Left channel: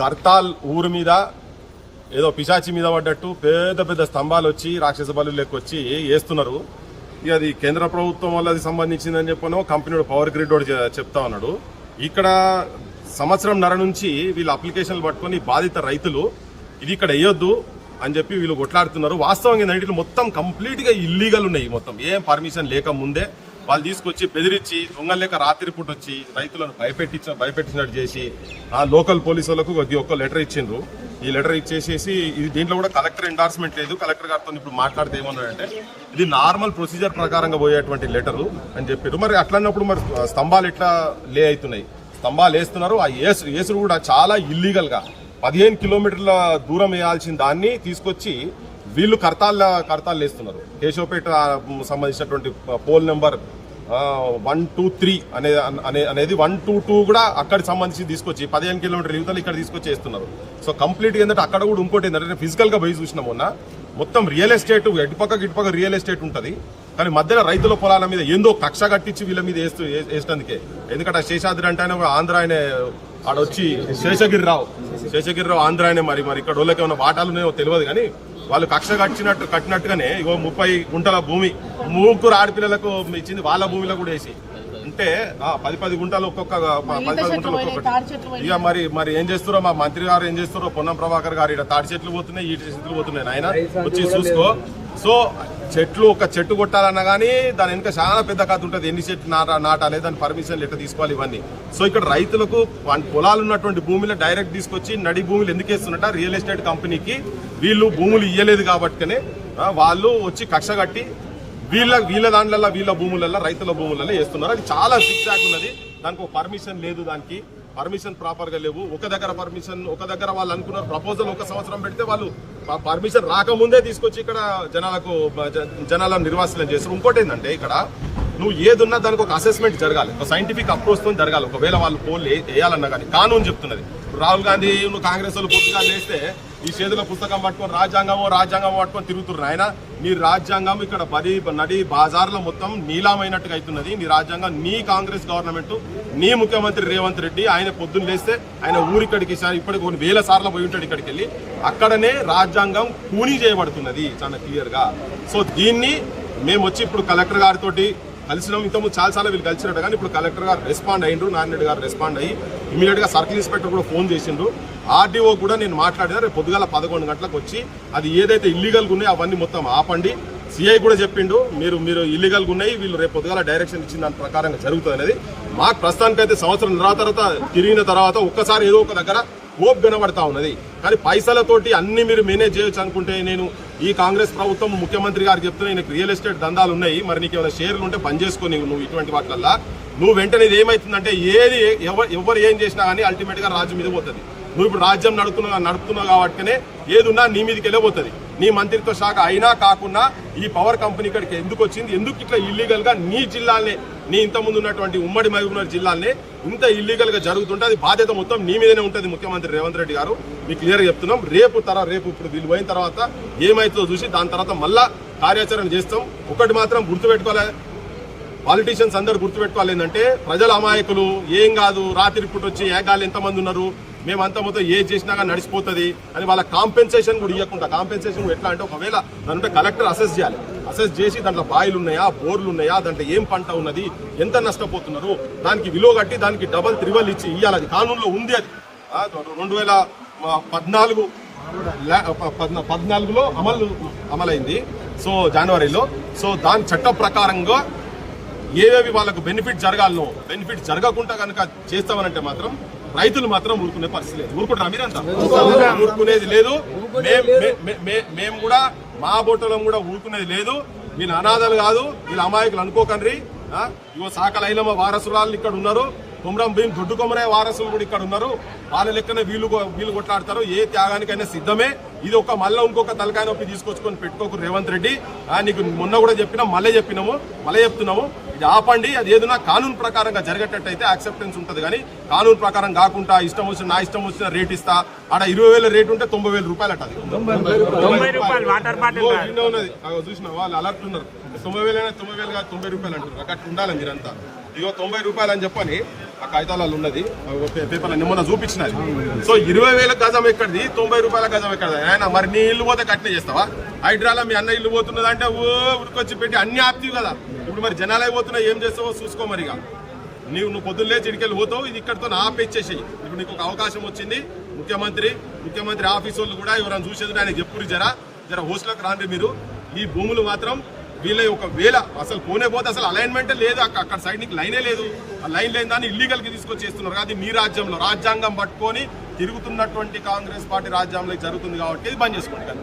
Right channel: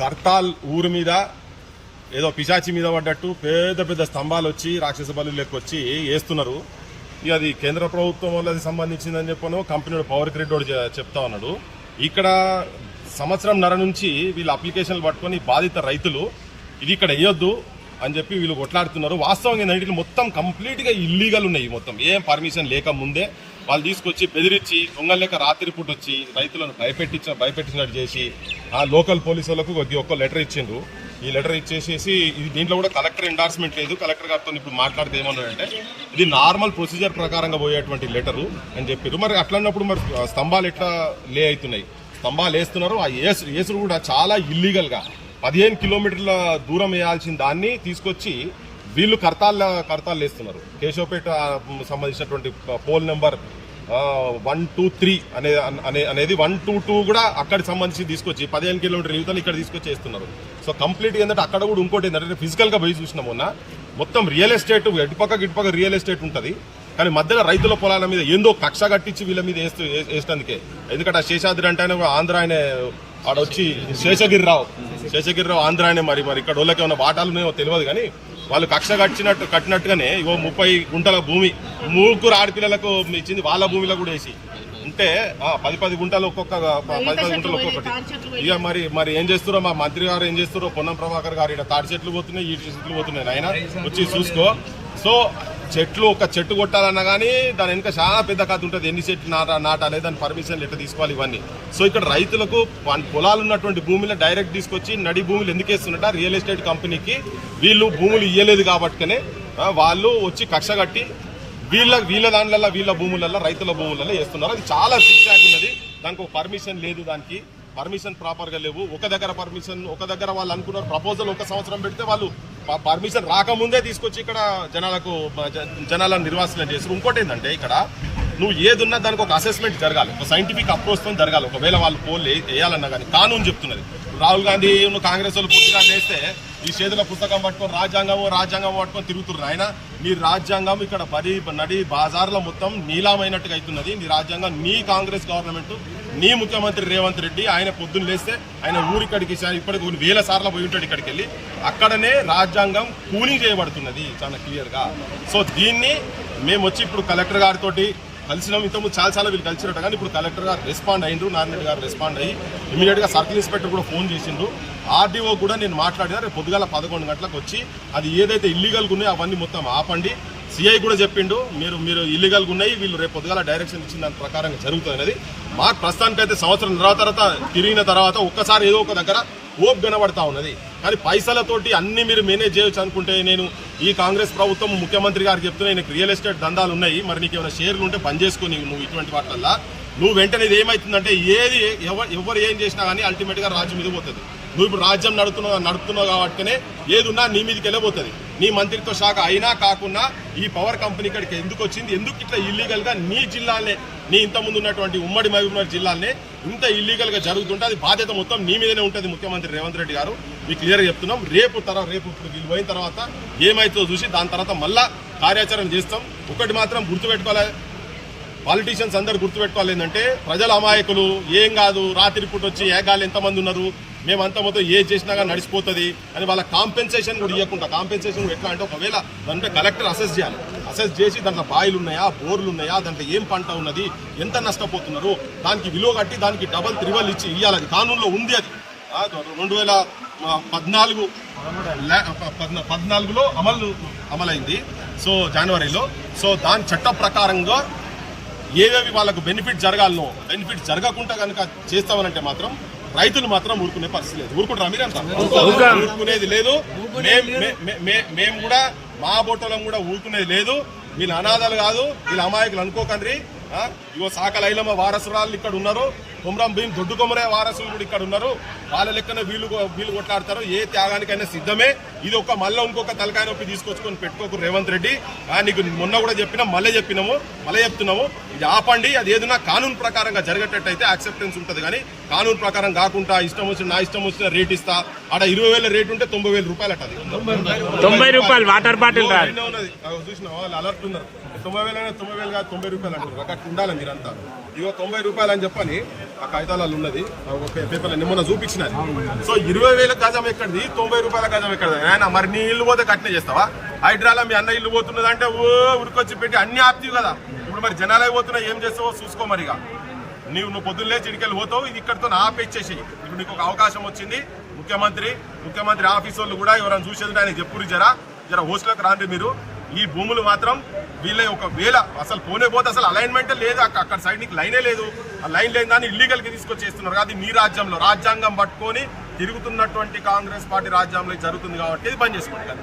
కర్తాల్ ఊరు మీద ఏదో పిశాచి మీద పడ్డట్టు పెద్ద పెద్ద స్తంభాలు వచ్చి రాక్షస బలు లెక్కొచ్చి వేస్తున్నారు. ఇక అది కేంద్ర ప్రభుత్వం వాళ్ళది సంబంధించిందని చెప్పను కంపెనీ పవర్ గ్రిడ్ వాడు చెప్తా ఉన్నాడు. ఇక్కడ సంవత్సరం నర నుంచి వీళ్ళు అప్లికేషన్లు పట్టుకొని బాధిత రైతులు ఇది ఇక్కడ వేయొద్దు అని చెప్పి వీళ్ళు కొట్లాడుతున్నారు. వాస్తవంగా ఏంటంటే మొత్తం కంప్లీట్గా ఇల్లీగల్ ఉన్నాయి మొత్తం. ఏం పర్మిషన్ లేక ముందే వాళ్ళు తీసుకొచ్చి బెదిరించి దొంగలేక రాత్రి పూట వచ్చి రైతులను భయపెట్టించిన భయపెట్టినట్టు చేసి ఆ లోకల్ పోలీసులకు వాళ్ళకు ఒక- లెటర్ ఇచ్చిండ్రు. ఈ లెటర్ ఇచ్చేసేసి ఇది దీంట్లో కూడా కలెక్టర్ ఎండార్స్మెంట్ లేదు. కలెక్టర్ గారితో ఇప్పుడు మాట్లాడితే ఏమన్నాడంటే ఇది నార్మల్ ప్రొసీజర్ ప్రకారంగా పోయేటువంటి లెటరు అని చెప్పారు. మరి అట్లన్నప్పుడు మరి స్తంభాలు ఎట్లా లే అవుతున్నాయి? స్తంభాలు వేస్తున్నారు. ఆ ఏసు ఏసురు కూడా చాలా ఇల్లీగల్గా పదిహేను కిలోమీటర్ల దూరం వేయాల్సిన దాన్ని తీసుకొచ్చి వీళ్ళు కర్తాళ్ళ కర్తాలు వేస్తున్నారు. కేశవపేట సంబంధించినటువంటి pole number one two three అనే అనే అనేది వన్ టూ టూ కూడా అక్కడికి సంబంధించి తీసుకొచ్చి పదిహేను కిలోమీటర్ యువతలు ఇక్కడ తీసుకొచ్చి వేస్తున్నారు. సో కంప్లీట్గా ఏంటంటే అక్కడ కూడా ఇంకోటి ఏంటంటే ఫిజికల్గా పోయి చూసిన మొన్న మొత్తం రియల్ ఎస్టేట్ ఎటుపక్క ఇటుపక్క రియల్ ఎస్టేట్ ఉంటుంది. కానీ మధ్యన రైతుల పొలాల మీద ఏందో కక్ష కట్టించి వీళ్ళ మీద వేస్తూ వేసినందుకే. ఎందుకంటే ఆ శేషాద్రి అంటే ఆయన ఆంధ్ర ఆయన ఆడొచ్చి శేషగిరిరావు. శేషగిరిరావు ఆంధ్ర ఆయనే మరి మరి ఇక్కడ వాళ్ళకి ఏమైనా వాటాలు తెలియదు కానీ వాళ్ళు కక్ష కట్టినట్టు కట్టినట్టుగానే ఇగో ముప్పై గుంటల భూమి ముగ్గురు ఆడపిల్లలకు ఇచ్చింది వాళ్ళ భూమిలో కూడా వేసి. అంటే ఆ, పది పది గుంటలు ఒక్కొక్క ప- పది పది గుంటలు ఒక్కొక్కటి. ఇక మరి మరి ఏం చేస్తారో మా మంత్రి గారు ఏం చేస్తారో పొన్నం ప్రభాకర్ గారు ఇక్కడ తాడి చెట్లు పోతున్నాయి ఈ చెట్లు పోతున్నాయి ఆయన వచ్చి చూసుకో. సో చెట్లు ఒక చెట్టు కొట్టాలన్నా కానీ దాని వెనుక చాలా పెద్ద కథ ఉంటుంది. ఎన్ని చెట్లు నాట నాటాలి దాని పర్మిషన్ ఎట్లా తీసుకోవాలి ఇవన్నీ. సో ఇక్కడ రైతులకు పొలాలు ఉన్నటువంటి భూమిలో డైరెక్ట్ తీసుకొచ్చి నడి భూములు ఎందుకు వేస్తున్నట్ట రియల్ ఎస్టేట్ కంపెనీకి వీళ్ళు భూములు ఇయ్యలేదు కాబట్టినే వాళ్ళు వచ్చి కక్ష కట్టి వీళ్ళ వీళ్ళ దాంట్లో వీళ్ళ భూములలో రైతుల భూములలో వేస్తున్నారు. అది చాలా సిక్సాక్ ఉన్నది. దానికి ఒక పర్మిషన్ లేదు దానికి. పర్మిషన్ ప్రాపర్గా లేవు. ఒక దగ్గర పర్మిషన్ ఒక దగ్గర వాళ్ళు అనుకున్నారు ప్రపోజల్ ఒక సంవత్సరం పెడితే వాళ్ళు పర్మిషన్ రాకముందే తీసుకొచ్చి ఇక్కడ జనాలకు జ- జనాలను నిర్వాసనం చేస్తారు ఇంకోటి ఏంటంటే ఇక్కడ నువ్వు ఏదున్నా దానికి ఒక అసెస్మెంట్ జరగాలి. ఒక సైంటిఫిక్ అప్రోచ్తో జరగాలి. ఒకవేళ వాళ్ళు పోల్ వేయాలన్నా కానీ కానూన్ చెప్తున్నది. రాహుల్ గాంధీ కాంగ్రెస్ వాళ్ళు పూర్తిగా చేస్తే ఈ చేతుల పుస్తకం పట్టుకొని రాజ్యాంగం రాజ్యాంగం పట్టుకొని తిరుగుతున్నారు ఆయన. నీ రాజ్యాంగం ఇక్కడ బడి నడి బాజార్లో మొత్తం నీలామైనట్టుగా అవుతున్నది. నీ రాజ్యాంగం నీ కాంగ్రెస్ గవర్నమెంట్ నీ ముఖ్యమంత్రి రేవంత్ రెడ్డి ఆయన పొద్దున్న లేస్తే ఆయన ఊరిక్కడికి ఇప్పటికి కొన్ని వేల సార్లు పోయి ఉంటాడు ఇక్కడికి వెళ్ళి. అక్కడనే రాజ్యాంగం కూలింగ్ చేయబడుతున్నది చాలా క్లియర్గా సో దీన్ని మేము వచ్చి ఇప్పుడు కలెక్టర్ గారితో కలిసినాం. ఇంతకుముందు చాలా చాలా వీళ్ళు కలిసినట్టు కానీ ఇప్పుడు కలెక్టర్ గారు రెస్పాండ్ అయ్యిండ్రు నాన్నరెడ్డి గారు రెస్పాండ్ అయ్యి ఇమీడియట్గా సర్కిల్ ఇన్స్పెక్టర్ కూడా ఫోన్ చేసిండ్రు. ఆర్డీఓ కూడా నేను మాట్లాడినా రేపు పొద్దుగాల పదకొండు గంటలకు వచ్చి అది ఏదైతే ఇల్లీగల్గా ఉన్నాయో అవన్నీ మొత్తం ఆపండి. సిఐ కూడా చెప్పిండు మీరు మీరు ఇల్లీగల్గా ఉన్నాయి వీళ్ళు రేపు పొద్దుగాల డైరెక్షన్ ఇచ్చిన దాని ప్రకారంగా జరుగుతుంది అనేది మాకు ప్రస్తుతానికైతే సంవత్సరం తర్వాత తర్వాత తిరిగిన తర్వాత ఒక్కసారి ఏదో ఒక దగ్గర ఓపు వినబడతా ఉన్నది. కానీ పైసలతోటి అన్ని మీరు మేనేజ్ చేయొచ్చు అనుకుంటే నేను ఈ కాంగ్రెస్ ప్రభుత్వం ముఖ్యమంత్రి గారు చెప్తున్నా నీకు రియల్ ఎస్టేట్ దందాలు ఉన్నాయి. మరి నీకు ఏమైనా షేర్లు ఉంటే బంద్ చేసుకొని నువ్వు ఇటువంటి వాటిల్లో నువ్వు వెంటనే ఏమవుతుందంటే ఏమైతుందంటే ఏది ఎవరు ఎవరు ఏం చేసినా కానీ అల్టిమేట్గా రాజ్యం మీద పోతుంది. నువ్వు ఇప్పుడు రాజ్యం నడుపుతున్నావు నడుపుతున్నావు కాబట్టినే ఏది ఉన్నా నీ మీదకి వెళ్ళబోతుంది నీ మంత్రిత్వ శాఖ అయినా కాకుండా ఈ పవర్ కంపెనీ ఇక్కడికి ఎందుకు వచ్చింది? ఎందుకు ఇట్లా ఇల్లీగల్గా నీ జిల్లాలనే నీ ఇంతకుముందు ఉన్నటువంటి ఉమ్మడి మహబూబ్నగర్ జిల్లాలనే ఇంత ఇల్లీగల్గా జరుగుతుంటే అది బాధ్యత మొత్తం నీ మీదనే ఉంటుంది ముఖ్యమంత్రి రేవంత్ రెడ్డి గారు. మీకు క్లియర్ చెప్తున్నాం. రేపు తర రేపు ఇప్పుడు వీళ్ళు పోయిన తర్వాత ఏమైతుందో చూసి దాని తర్వాత మళ్ళా కార్యాచరణ చేస్తాం. ఒకటి మాత్రం గుర్తుపెట్టుకోవాలి పాలిటీషియన్స్ అందరు గుర్తుపెట్టుకోవాలి ఏంటంటే ప్రజల అమాయకులు ఏం కాదు. రాత్రి పూట వచ్చి ఏగాలు ఎంతమంది ఉన్నారు? మేమంతా మొత్తం ఏ చేసినా కానీ నడిచిపోతుంది అని వాళ్ళ కాంపెన్సేషన్ కూడా ఇవ్వకుండా కాంపెన్సేషన్ కూడా ఎట్లా అంటే ఒకవేళ దాంట్లో కలెక్టర్ అసెస్ చేయాలి. అసెస్ చేసి దాంట్లో బాయిలు ఉన్నాయా బోర్లు ఉన్నాయా దాంట్లో ఏం పంట ఉన్నది ఎంత నష్టపోతున్నారు దానికి విలువ కట్టి దానికి డబల్ త్రిబల్ ఇచ్చి ఇవ్వాలి అది కానూన్లో ఉంది అది. రెండు వేల పద్నాలుగు పద్నాలుగులో అమలు అమలైంది. సో జనవరిలో. సో దాని చట్ట ప్రకారంగా ఏవేవి వాళ్ళకు బెనిఫిట్ జరగాలనో బెనిఫిట్ జరగకుండా కనుక చేస్తామనంటే మాత్రం రైతులు మాత్రం ఊరుకునే పరిస్థితి లేదు. ఊరుకుంటారా మీరంతా? ఊరుకునేది లేదు. మేము కూడా మా బొట్టలం కూడా ఊరుకునేది లేదు. వీళ్ళు అనాథలు కాదు. వీళ్ళు అమాయకులు అనుకోకండి ఆ, ఇగో సాకలైలమ్మ వారసురాలు ఇక్కడ ఉన్నారు. కుమ్రం భీం దొడ్డు కొమరే వారసులు కూడా ఇక్కడ ఉన్నారు. వాళ్ళ లెక్కన వీళ్ళు వీళ్ళు కొట్లాడతారు. ఏ త్యాగానికైనా సిద్ధమే. ఇది ఒక మళ్ళీ ఇంకొక తలకాయ నొప్పి తీసుకొచ్చుకొని పెట్టుకోకు రేవంత్ రెడ్డి. ఆ, నీకు మొన్న కూడా చెప్పినాం మళ్ళీ చెప్పినాము మళ్ళీ చెప్తున్నాము. ఇది ఆపండి. అది ఏదైనా కానూన్ ప్రకారంగా జరిగేటట్టయితే యాక్సెప్టెన్స్ ఉంటుంది కానీ కానూన్ ప్రకారం కాకుండా ఇష్టం వచ్చిన నా ఇష్టం వచ్చిన రేట్ ఇస్తా. ఆడ ఇరవై వేల రేట్ ఉంటే తొంభై వేల రూపాయలు అది ఉన్నది. అగో చూసినావా? వాళ్ళు అలర్ట్ ఉన్నారు. తొంభై వేలైనా తొంభై వేలు కాదు తొంభై రూపాయలు అంటున్నారు. అక్కడ ఉండాలి మీరంతా. ఇగో తొంభై రూపాయలు అని చెప్పని ఆ కాగితాలలో ఉన్నది ఆ ఒక పేపర్లో చూపించినది. సో ఇరవై వేల గజం ఎక్కడిది? తొంభై రూపాయల గజం ఎక్కడిది? ఆయన మరి నీ ఇల్లు పోతే కట్నే చేస్తావా? హైడ్రాలో మీ అన్న ఇల్లు పోతున్నది అంటే ఓ ఉరికొచ్చి పెట్టి అన్ని ఆప్తివి కదా. ఇప్పుడు మరి జనాలే అయిపోతున్నా ఏం చేస్తావో చూసుకో మరిగా. నీవు నువ్వు పొద్దున్నే చిడికెళ్ళి పోతావు ఇది ఇక్కడితో ఆపేచ్చేసి ఇప్పుడు నీకు ఒక అవకాశం వచ్చింది ముఖ్యమంత్రి ముఖ్యమంత్రి ఆఫీస్ వాళ్ళు కూడా ఎవరైనా చూసేది ఆయన చెప్పురు జరా. జర హోస్టల్కి రాండి మీరు. ఈ భూములు మాత్రం వీళ్ళ ఒకవేళ అసలు పోనే పోతే అసలు అలైన్మెంటే లేదు. అక్క- అక్కడ సైడ్ నీకు లైనే లేదు. ఆ లైన్ లేని దాన్ని ఇల్లీగల్గా తీసుకొచ్చి చేస్తున్నారు. అది మీ రాజ్యంలో. రాజ్యాంగం పట్టుకొని తిరుగుతున్నటువంటి కాంగ్రెస్ పార్టీ రాజ్యాంగంలో జరుగుతుంది కాబట్టి ఇది బంద్ చేసుకోండి కానీ